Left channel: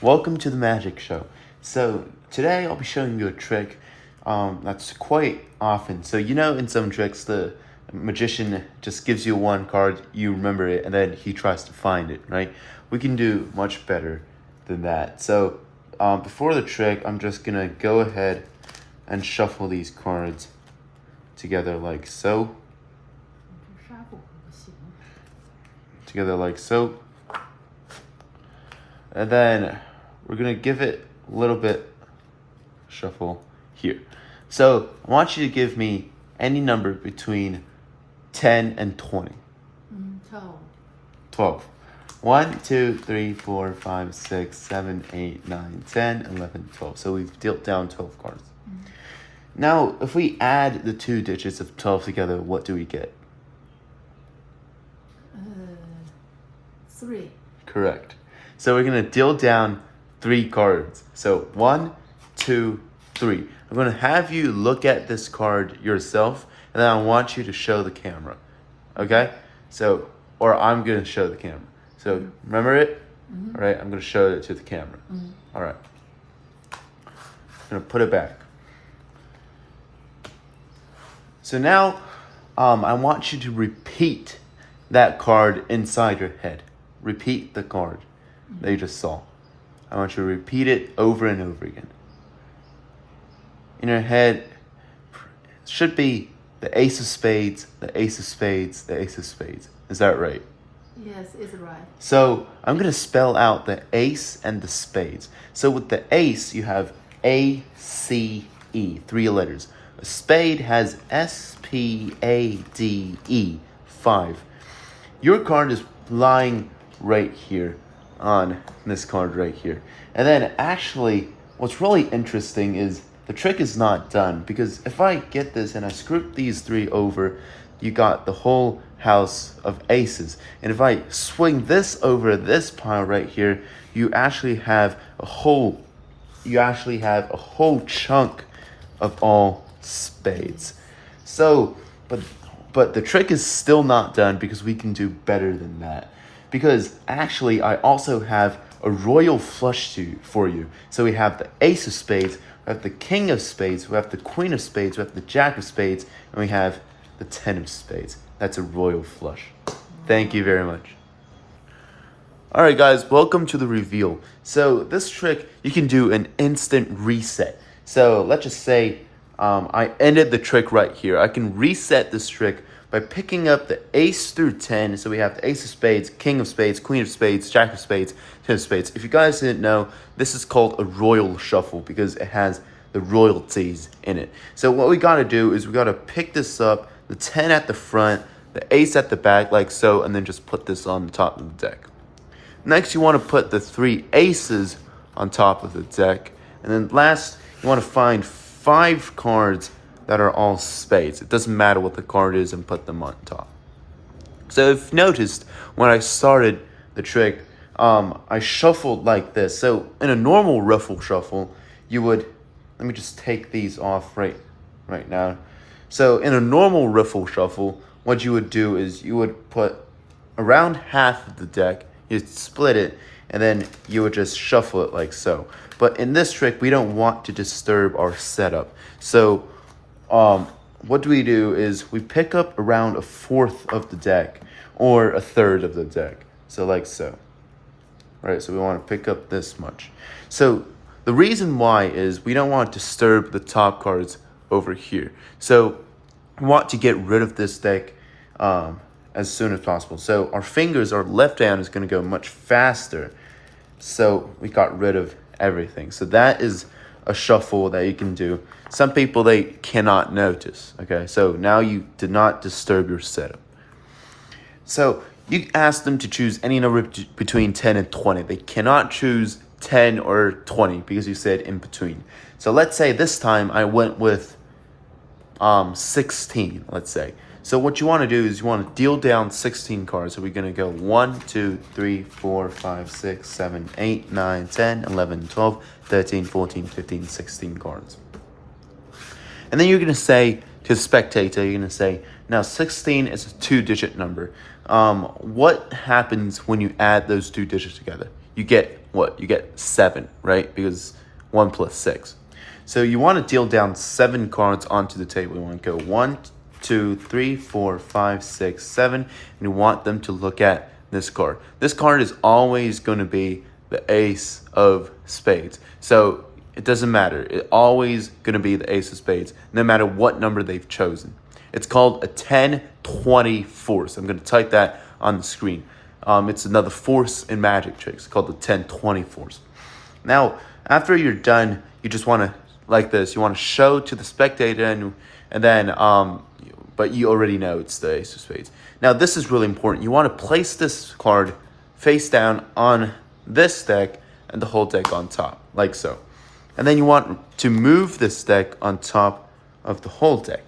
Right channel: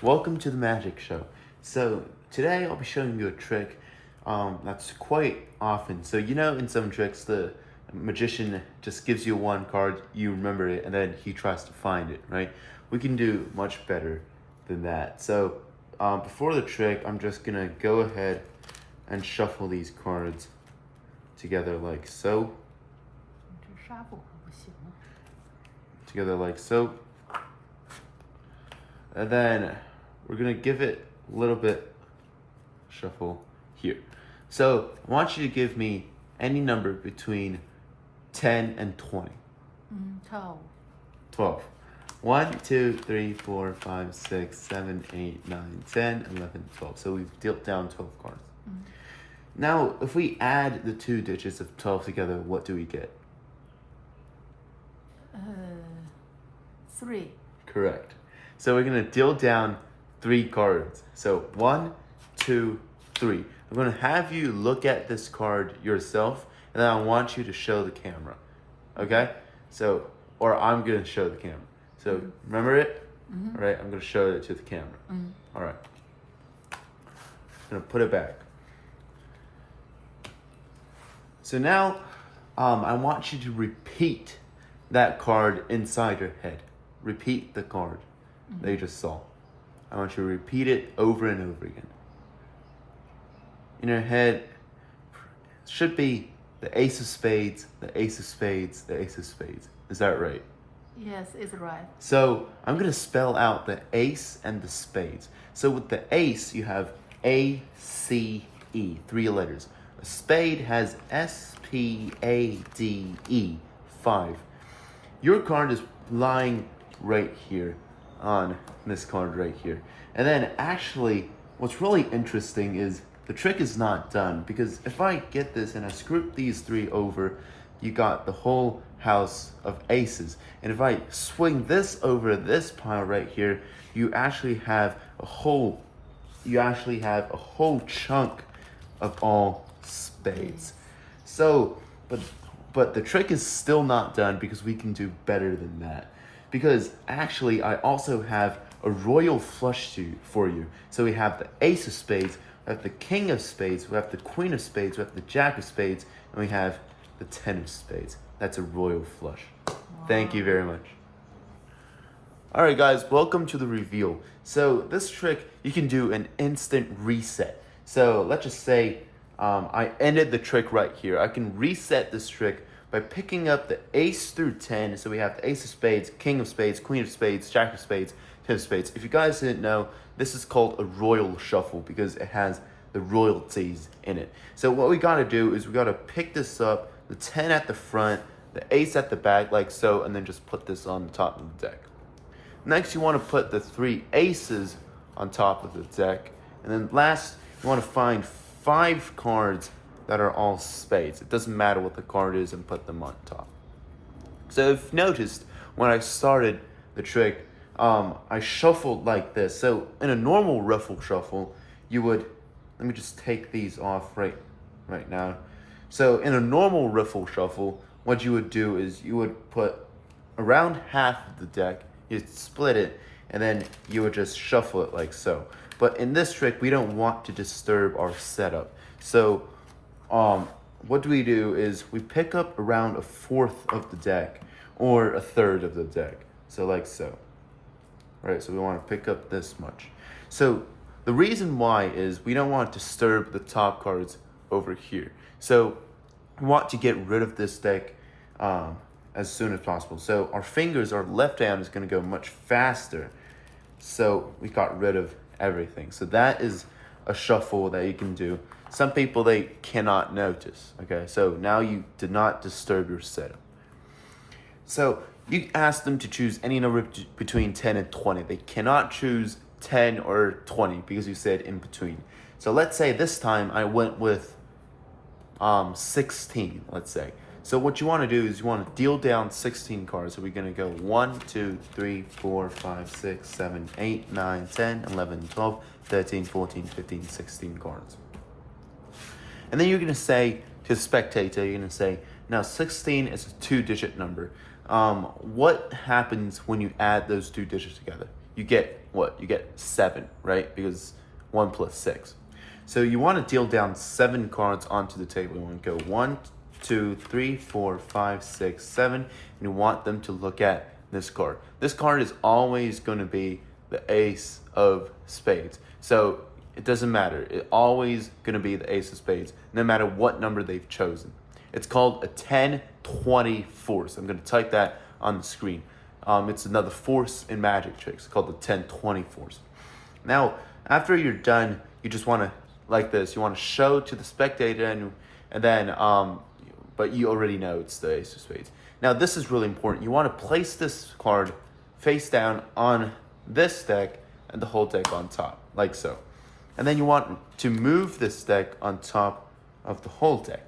Welcome to the magic show. So today I'll be showing you a trick that's quite often. So in some tricks the magician just gives you one card, you remember it, and then he tries to find it, right? We can do much better than that. So before the trick, I'm just gonna go ahead and shuffle these cards together like so. Together like so. And then we're gonna give it a little bit shuffle here. So I want you to give me any number between 10 and 20. 12. 12. 1, 2, 3, 4, 5, 6, 7, 8, 9, 10, 11, 12. So we've dealt down 12 cards. Now, if we add the two digits of 12 together, what do we get? 3. Correct. So we're gonna deal down 3 cards. So 1, 2, 3. I'm gonna have you look at this card yourself, and then I want you to show the camera. Okay? So, or I'm gonna show the camera. So remember it? All right, I'm gonna show it to the camera. All right. I'm gonna put it back. So now, I want you to repeat that card inside your head. Repeat the card that you just saw. I want you to repeat it over and over again. In your head, it should be the ace of spades, the ace of spades, the ace of spades. Is that right? Yes, it's right. So I'm going to spell out the ace and the spades. So with the ace, you have A, C, E, 3 letters. A spade has S, P, A, D, E, 5. Your card is lying right here on this card right here. And then actually, what's really interesting is the trick is not done, because if I get this and I screw these 3 over, you got the whole house of aces. And if I swing this over this pile right here, you actually have a whole chunk of all spades. So, but the trick is still not done, because we can do better than that. Because actually, I also have a royal flush for you. So we have the ace of spades, we have the king of spades, we have the queen of spades, we have the jack of spades, and we have the 10 of spades. That's a royal flush. Thank you very much. All right, guys, welcome to the reveal. So this trick, you can do an instant reset. So let's just say I ended the trick right here. I can reset this trick by picking up the ace through 10. So we have the ace of spades, king of spades, queen of spades, jack of spades, 10 of spades. If you guys didn't know, this is called a royal shuffle because it has the royalties in it. So what we gotta do is we gotta pick this up, the 10 at the front, the ace at the back like so, and then just put this on the top of the deck. Next, you wanna put the 3 aces on top of the deck. And then last, you wanna find 5 cards that are all spades. It doesn't matter what the card is, and put them on top. So if you noticed, when I started the trick, I shuffled like this. So in a normal ruffle shuffle, you would, let me just take these off right now. So in a normal ruffle shuffle, what you would do is you would put around half of the deck, you'd split it, and then you would just shuffle it like so. But in this trick, we don't want to disturb our setup. So what do is we pick up around a 1/4 of the deck or a 1/3 of the deck. So like so. Right, so we want to pick up this much. So the reason why is we don't want to disturb the top cards over here. So we want to get rid of this deck as soon as possible. So our left hand is going to go much faster. So we got rid of everything. So that is a shuffle that you can do. Some people, they cannot notice, okay? So now you did not disturb your setup. So you ask them to choose any number between 10 and 20. They cannot choose 10 or 20 because you said in between. So let's say this time I went with 16, let's say. So what you want to do is you want to deal down 16 cards. So we're going to go 1, 2, 3, 4, 5, 6, 7, 8, 9, 10, 11, 12, 13, 14, 15, 16 cards. And then you're going to say to the spectator, you're going to say, now 16 is a 2-digit number. What happens when you add those 2 digits together? you get what? You get 7, right? Because 1 plus 6. So you want to deal down 7 cards onto the table. You want to go 1, 2, 3, 4, 5, 6, 7, and you want them to look at this card. This card is always going to be the ace of spades. So it doesn't matter. It's always going to be the ace of spades, no matter what number they've chosen. It's called a 10-20 force. I'm going to type that on the screen. It's another force in magic tricks called the 10-20 force. Now, after you're done, you just want to, like this, you want to show to the spectator, and then, but you already know it's the ace of spades. Now, this is really important. You want to place this card face down on this deck and the whole deck on top, like so. And then you want to move this deck on top of the whole deck.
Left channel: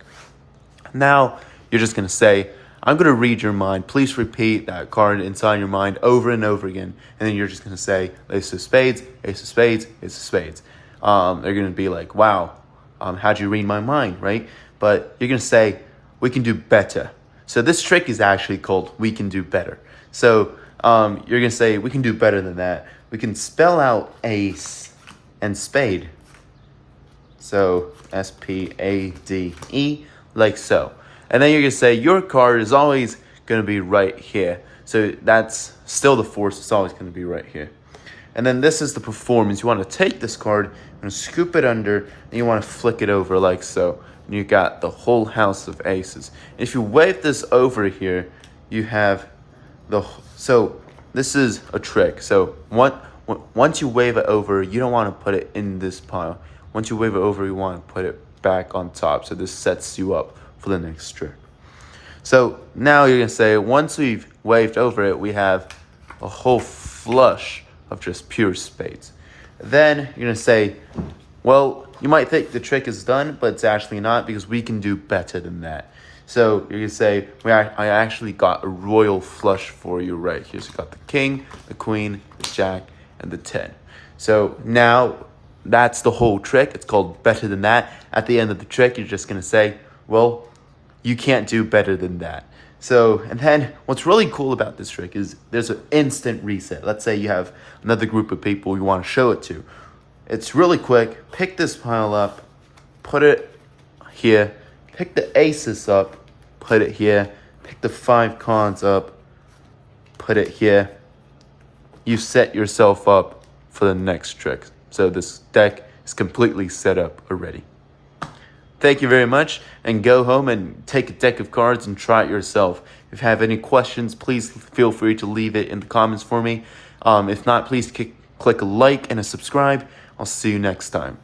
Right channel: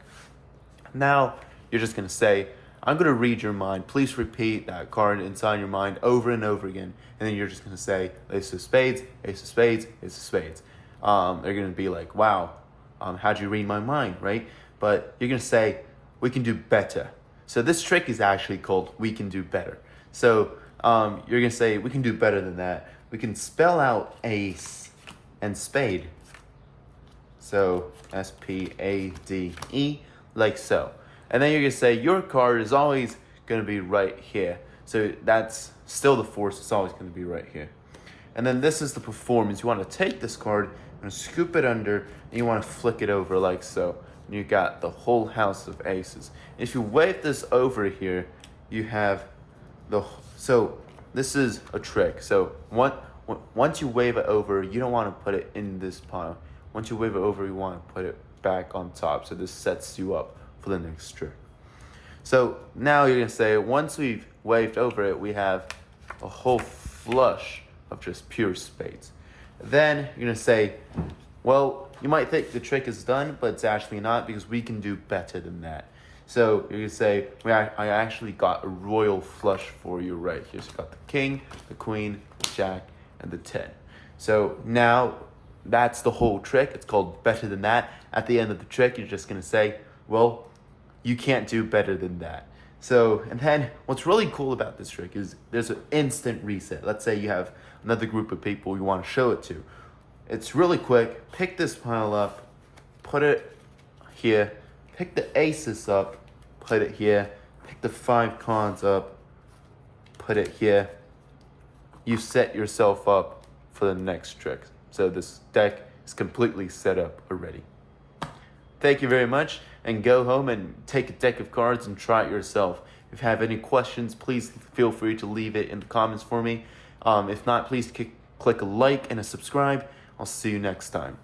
Now, you're just going to say, I'm going to read your mind. Please repeat that card inside your mind over and over again. And then you're just going to say, ace of spades, ace of spades, ace of spades. They're going to be like, wow, how'd you read my mind, right? But you're going to say, we can do better. So this trick is actually called we can do better. So you're going to say, we can do better than that. We can spell out ace and spade. So S-P-A-D-E, like so. And then you're going to say your card is always going to be right here. So that's still the force. It's always going to be right here. And then this is the performance. You want to take this card and scoop it under, and you want to flick it over like so. And you got the whole house of aces. If you wave this over here, you have the... So this is a trick. So once you wave it over, you don't want to put it in this pile. Once you wave it over, you want to put it back on top. So this sets you up for the next trick. So now you're going to say, once we've waved over it, we have a whole flush of just pure spades. Then you're going to say, well, you might think the trick is done, but it's actually not, because we can do better than that. So you're going to say, I actually got a royal flush for you right here. So you got the king, the queen, the jack, and the 10. So now that's the whole trick. It's called better than that. At the end of the trick, you're just going to say, well, you can't do better than that. So, and then what's really cool about this trick is there's an instant reset. Let's say you have another group of people you want to show it to. It's really quick. Pick this pile up, put it here, pick the aces up, put it here, pick the 5 cards up, put it here. You've set yourself up for the next trick. So this deck is completely set up already. Thank you very much, and go home and take a deck of cards and try it yourself. If you have any questions, please feel free to leave it in the comments for me. If not, please click a like and a subscribe. I'll see you next time.